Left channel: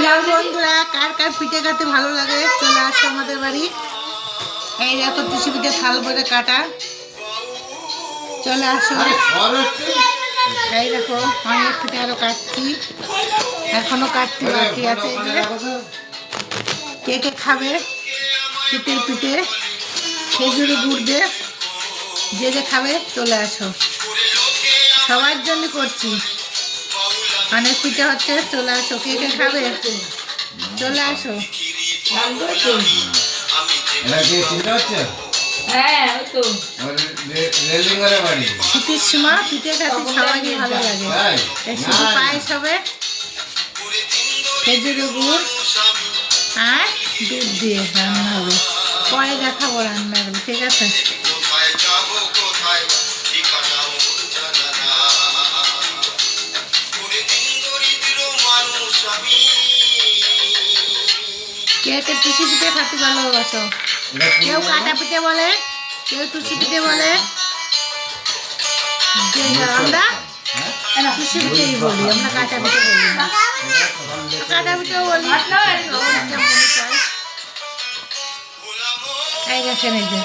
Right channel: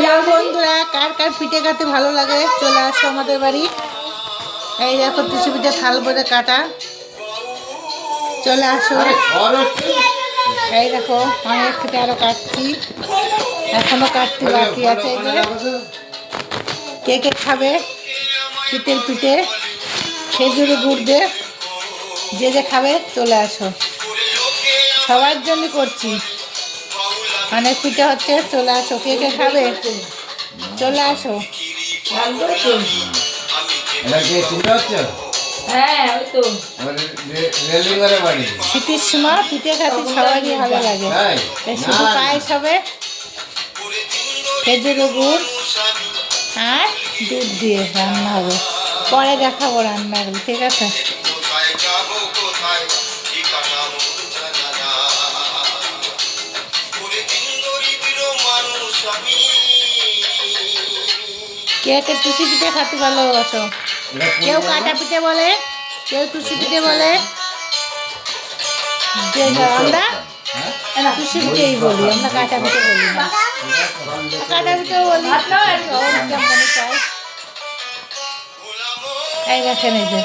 বন্ধুরা, কার কার পিঠে খেতে ভালো লাগে চলে আসো আমাদের বাড়ি। এই দেখো টুসি পিঠে থাল ভরে কাটা, চলে আসো। এই দেখো অনেক পিঠে আরো কাটছি, এখনো কাটতে বাকি আছে। এই যে কে কে খাবে শীতের পিঠে খেজুরি গুড় দিয়ে, যে যে খাবে চলে আসো। সবার জন্য করছি, অনেক পিঠে হচ্ছে, চলে আসো। কে কে খাবে চলে আসো। শীতের সময় পিঠে খেতে সবারই ভালো লাগে। শুধু পায়েস হবে খেজুরি গুড় আর দুধ দিয়ে রান্না হবে। পরে দেখাবো রান্নাগুলো, ঠিক আছে? কে কে টুসি পিঠে খেতে ভালোবাসো? কেউ কাটা পিঠে বলে, কেউ টুসি পিঠে বলে। যে আমরা টুসি পিঠেই বলি, আমরা কাটা পিঠে বলি না। কাটা পিঠেও বলি। এই দেখেন এই যে